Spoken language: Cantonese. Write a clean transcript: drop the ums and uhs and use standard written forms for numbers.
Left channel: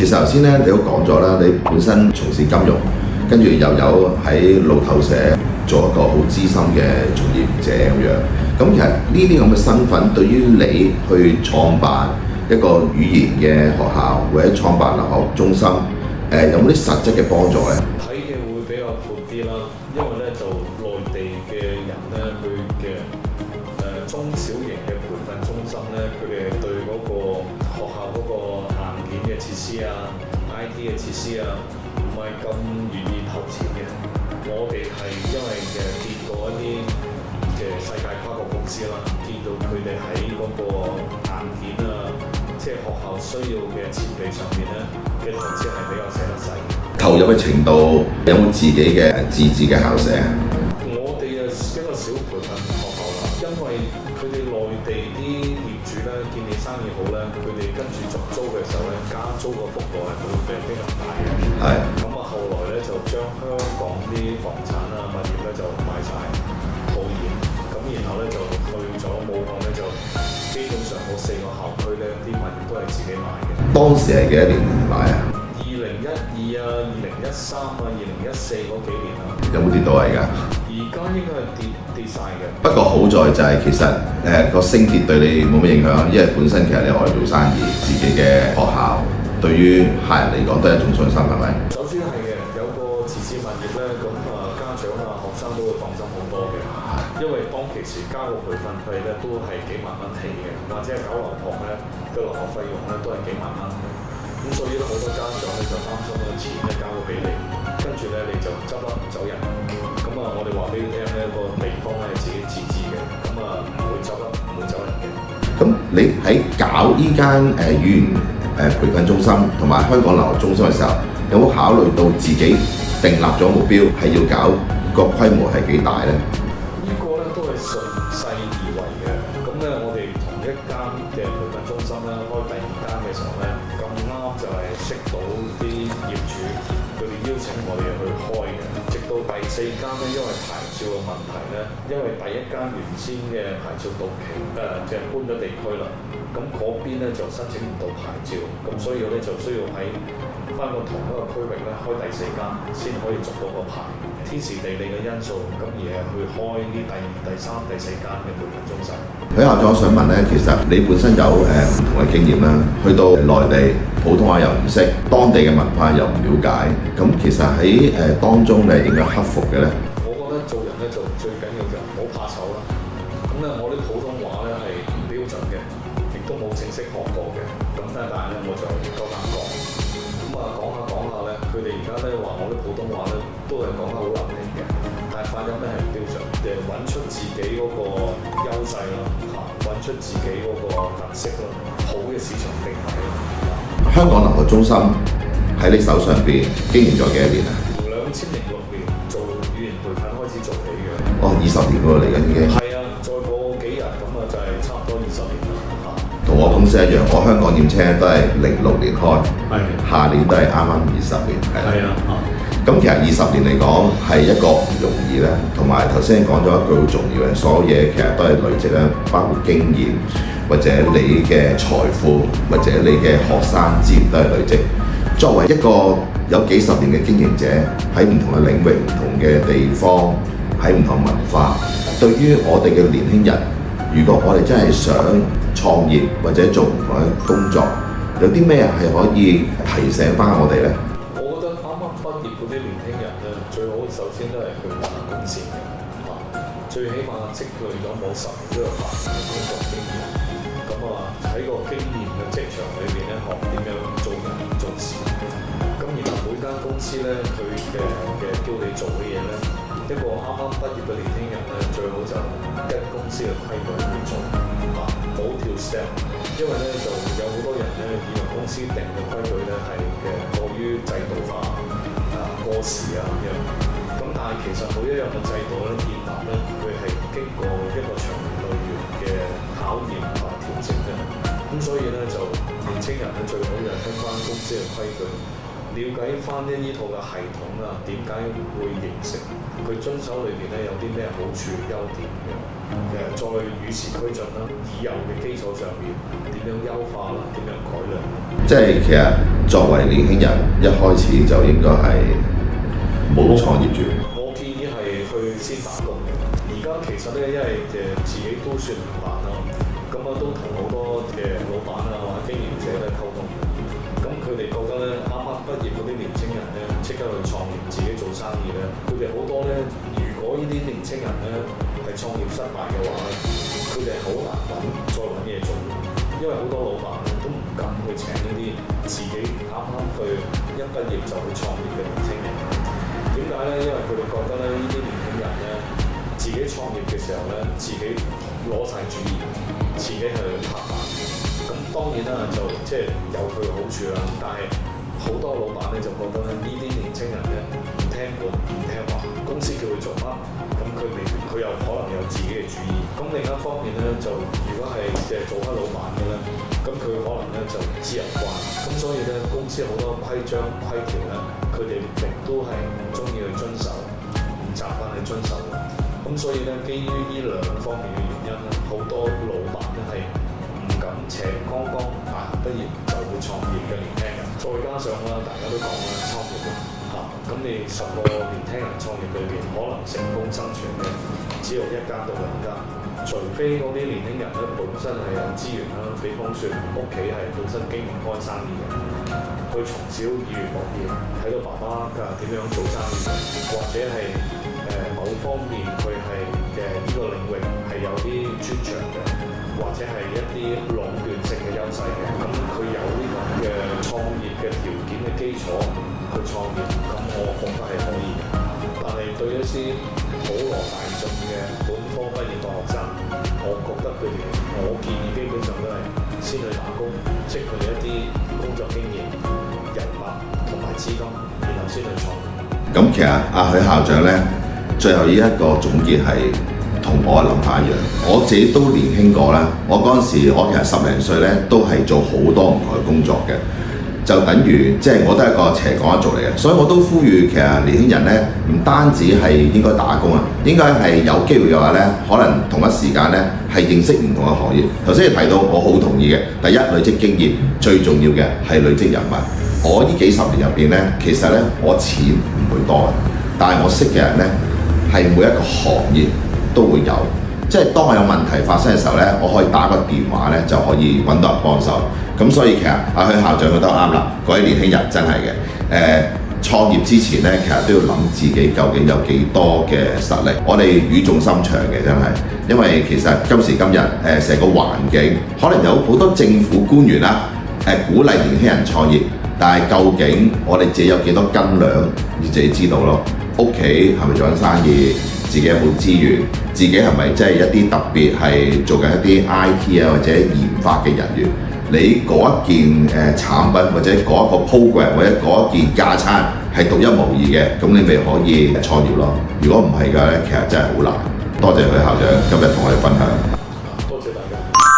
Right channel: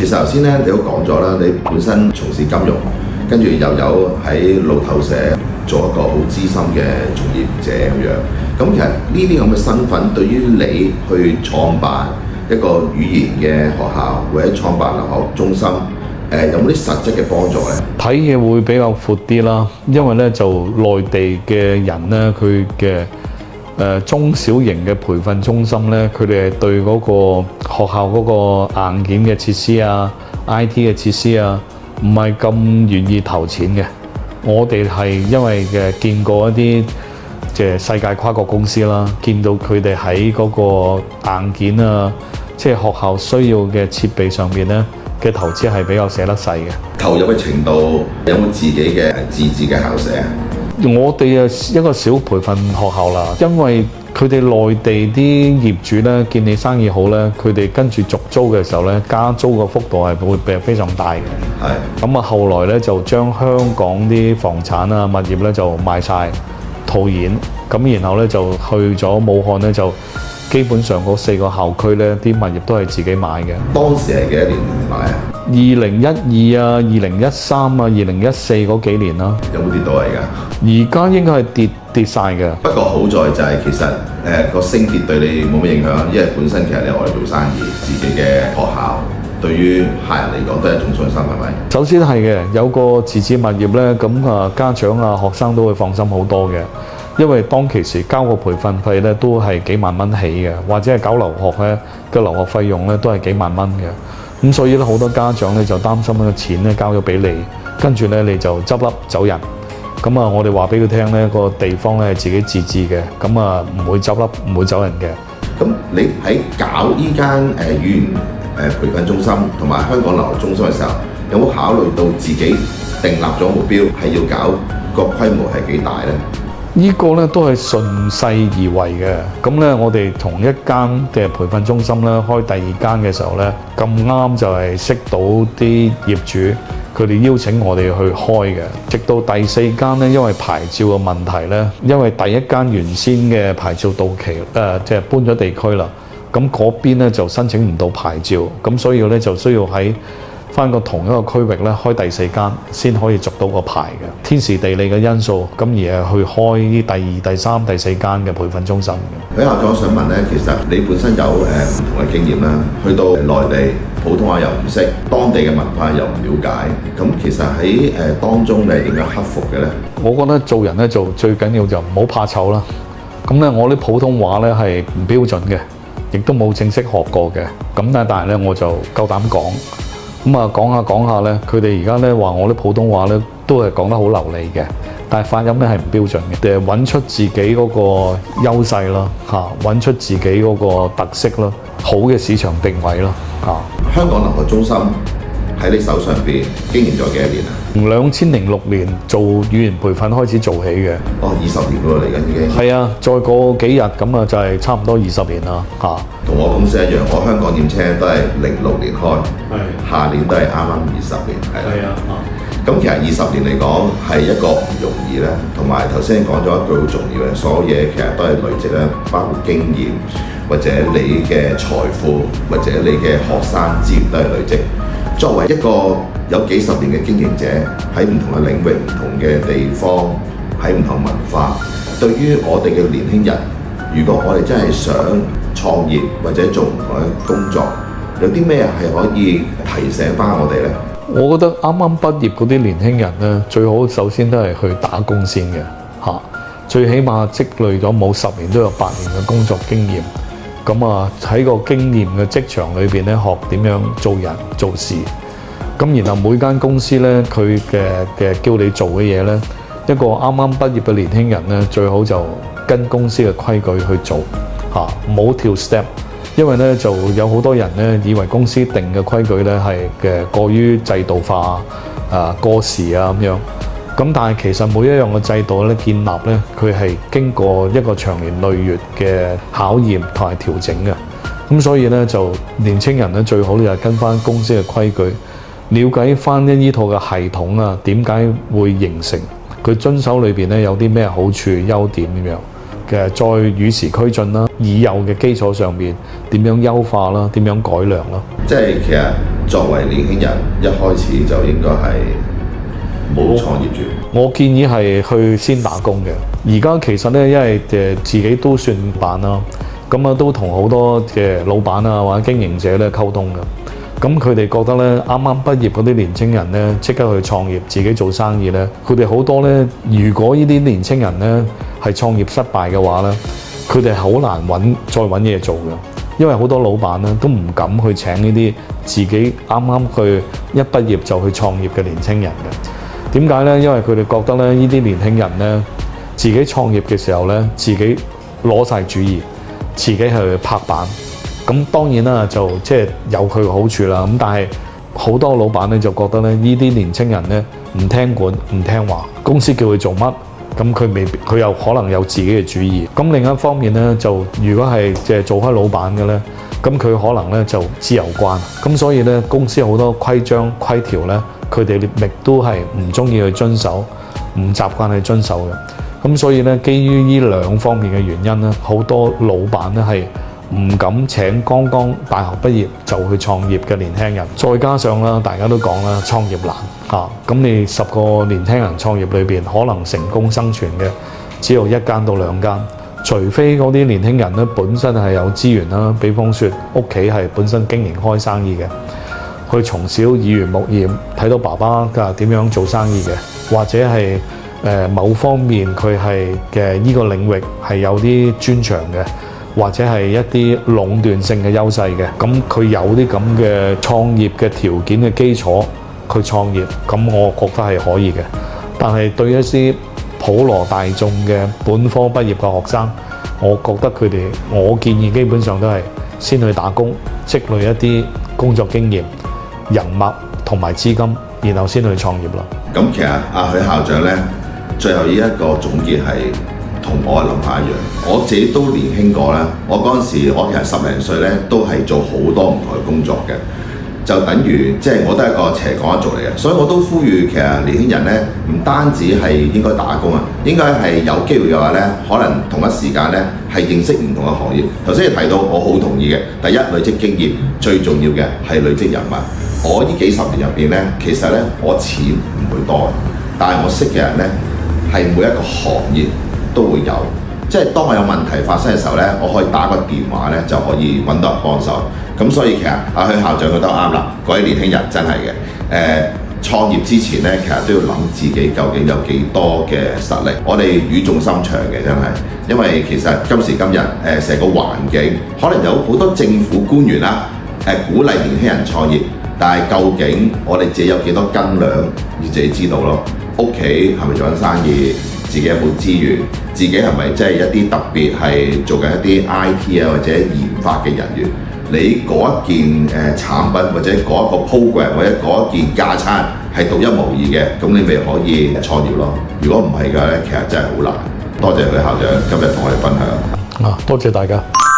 其實頭先咧，你都講咗啦，你本身從事金融，跟住又有喺路透社做一個好資深嘅從業者咁樣。咁其實呢啲咁嘅身份，對於你去創辦一個語言嘅學校或者創辦留學中心，有冇啲實質嘅幫助呢？睇嘢會比較闊啲啦，因為咧就內地嘅人咧，佢嘅中小型嘅培訓中心咧，佢哋係對嗰個學校嗰個硬件嘅設施啊、IT 嘅設施啊，唔係咁願意投錢嘅。我哋係因為見過一啲即係世界跨國公司啦，見到佢哋喺嗰個硬件啊，即係學校需要嘅設備上面咧嘅投資係比較捨得細嘅。投入嘅程度有冇自己嘅自治嘅校舍？我哋一個小培訓學校啦，因為佢哋內地啲業主咧見你生意好咧，佢哋跟住續租嘅時候咧，加租個幅度係會非常大嘅。係。咁啊，後來咧就將香港啲房產啊、物業咧就賣晒套現，咁然後咧就去咗武漢咧就。基本上嗰4個校區咧，啲物業都係自己買嘅。當時係幾多年買啊？2012啊、2013啊、2014嗰幾年啦。有冇跌到啊？而家應該係跌晒嘅。不過好在就係其實個升跌對你冇乜影響，因為本身其實你外做生意，自己嘅學校對於客人嚟講都係一種信心，係咪？首先係嘅，有個自置物業咧，咁啊家長啊學生都會放心好多嘅。因為當其時交個培訓費咧都係幾萬蚊起嘅，或者係搞留學咧嘅留學費用咧都係幾萬蚊嘅。咁所以咧好多家長咧就擔心咧錢咧交咗俾你，跟住咧你就執笠走人。咁啊，我哋話俾佢聽咧個地方咧係自己自治嘅，咁啊唔會執笠唔會走人嘅。咁你喺搞依間語言培訓中心同埋香港留學中心嘅時候，有冇考慮到自己訂立咗目標係要搞個規模係幾大咧？呢個咧都係順勢而為嘅，咁咧我哋同一間嘅培訓中心咧開第2間嘅時候咧，咁啱就係識到啲業主，佢哋邀請我哋去開嘅。直到第4間咧，因為牌照嘅問題咧，因為第1間原先嘅牌照到期，即係搬咗地區啦，咁嗰邊咧就申請唔到牌照，咁所以咧就需要喺翻個同一個區域咧開第4間先可以續到個牌嘅，天時地利嘅因素，咁而係去開啲第2、第3、第4間嘅培訓中心。許校長，我想問咧，其實你本身有唔同嘅經驗啦，去到內地普通話又唔識，當地嘅文化又唔了解，咁其實喺當中你係點樣克服嘅咧？我覺得做人咧就最緊要就唔好怕醜啦。咁咧我啲普通話咧係唔標準嘅，亦都冇正式學過嘅，咁但係咧我就夠膽講。咁啊講下咧，佢哋而家咧話我啲普通話咧都係講得好流利嘅，但係發音咧係唔標準嘅。揾出自己嗰個優勢啦，揾出自己嗰個特色啦，好嘅市場定位啦，香港留學中心喺你手上邊經營咗幾多年啊？從2006年做語言培訓開始做起嘅。哦，20年喎嚟緊已經。係啊，再過幾日咁啊，就係差唔多20年啦，同我公司一樣，我香港驗車都係06年開，下年都係啱啱20年，係啦。咁其實20年嚟講係一個唔容易咧，同埋頭先講咗一句好重要嘅，所有嘢其實都係累積啦，包括經驗或者你嘅財富或者你嘅學生資源都係累積。作為一個有幾十年嘅經營者，喺唔同嘅領域、唔同嘅地方，喺唔同文化，對於我哋嘅年輕人，如果我哋真係想創業或者做唔同嘅工作，有啲咩係可以提醒翻我哋呢？我覺得啱啱畢業嗰啲年輕人咧，最好首先都係去打工先嘅，最起碼積累咗冇10年都有8年嘅工作經驗。咁啊喺個經驗嘅職場裏邊咧，學點樣做人做事。咁然後每間公司咧，佢嘅叫你做嘅嘢咧，一個啱啱畢業嘅年輕人咧，最好就跟公司嘅規矩去做，唔好跳 step。因為咧就有好多人咧以為公司定嘅規矩咧係嘅過於制度化過時啊咁樣。咁但係其實每一樣嘅制度咧建立咧，佢係經過一個長年累月嘅考驗同埋調整嘅。咁所以咧就年青人咧最好就係跟翻公司嘅規矩，了解翻呢套嘅系統啊，點解會形成，佢遵守裏邊咧有啲咩好處優點咁樣。再與時俱進啦，已有嘅基礎上面點樣優化啦，點樣改良啦。即係其實作為年輕人，一開始就應該係冇創業住。我建議係去先打工嘅。而家其實咧，因為自己都算辦啦，咁啊都同好多嘅老闆啊或者經營者咧溝通嘅。咁佢哋覺得咧，啱啱畢業嗰啲年青人咧，即刻去創業，自己做生意咧，佢哋好多咧。如果呢啲年青人咧係創業失敗嘅話咧，佢哋好難再揾嘢做嘅，因為好多老闆咧都唔敢去請呢啲自己啱啱去一畢業就去創業嘅年青人嘅。點解咧？因為佢哋覺得咧，呢啲年輕人咧自己創業嘅時候咧，自己攞晒主意，自己去拍板。咁當然啦，就即係有佢嘅好處啦。咁但係好多老闆咧就覺得咧，呢啲年青人咧唔聽管唔聽話，公司叫佢做乜，咁佢又可能有自己嘅主意。咁另一方面咧，就如果係即係做開老闆嘅咧，咁佢可能咧就自由慣。咁所以咧，公司好多規章規條咧，佢哋亦都係唔中意去遵守，唔習慣去遵守嘅。咁所以咧，基於呢兩方面嘅原因咧，好多老闆咧係唔敢請剛剛大學畢業就去創業嘅年輕人。再加上啦，大家都講啦，創業難嚇。咁你10個年輕人創業裏邊，可能成功生存嘅只有1間到2間，除非嗰啲年輕人咧本身係有資源啦，比方說屋企係本身經營開生意嘅，佢從小耳濡目染，睇到爸爸點樣做生意嘅，或者係某方面佢係嘅呢個領域係有啲專長嘅，或者係一啲壟斷性嘅優勢嘅，咁佢有啲咁嘅創業嘅條件嘅基礎，佢創業，咁我覺得係可以嘅。但係對一啲普羅大眾嘅本科畢業嘅學生，我覺得我建議基本上都係先去打工，積累一啲工作經驗、人脈同埋資金，然後先去創業啦。咁其實阿許校長呢，最後呢一個總結係同我嘅諗法一樣。我自己都年輕過啦，我嗰陣時我其實10零歲呢，都係做好多唔同嘅工作嘅。就等於即係我都係一個斜槓一族嚟嘅，所以我都呼籲其實年輕人呢，唔單止係應該打工啊，應該係有機會嘅話呢，可能同一時間呢係認識唔同嘅行業。頭先你提到，我好同意嘅。第一，累積經驗，最重要嘅係累積人脈。我呢幾十年入邊呢，其實呢，我錢唔會多嘅，但係我識嘅人呢，係每一個行業都會有。即係當我有問題發生嘅時候呢，我可以打個電話呢，就可以揾到人幫手。咁所以其實阿許校長覺得啱啦，各位年輕人真係嘅。創業之前呢，其實都要諗自己究竟有幾多嘅實力。我哋語重心長嘅真係，因為其實今時今日成個環境可能有好多政府官員啦，鼓勵年輕人創業，但係究竟我哋自己有幾多斤兩，要自己知道咯。屋企係咪做緊生意？自己有冇資源？自己係咪即係一啲特別係做緊一啲 IT 啊或者研發嘅人員？你嗰一件產品或者嗰一個 program 或者嗰一件架撐係獨一無二嘅，咁你咪可以創業咯。如果唔係嘅咧，其實真係好難。多謝許校長今日同我哋分享。多謝大家。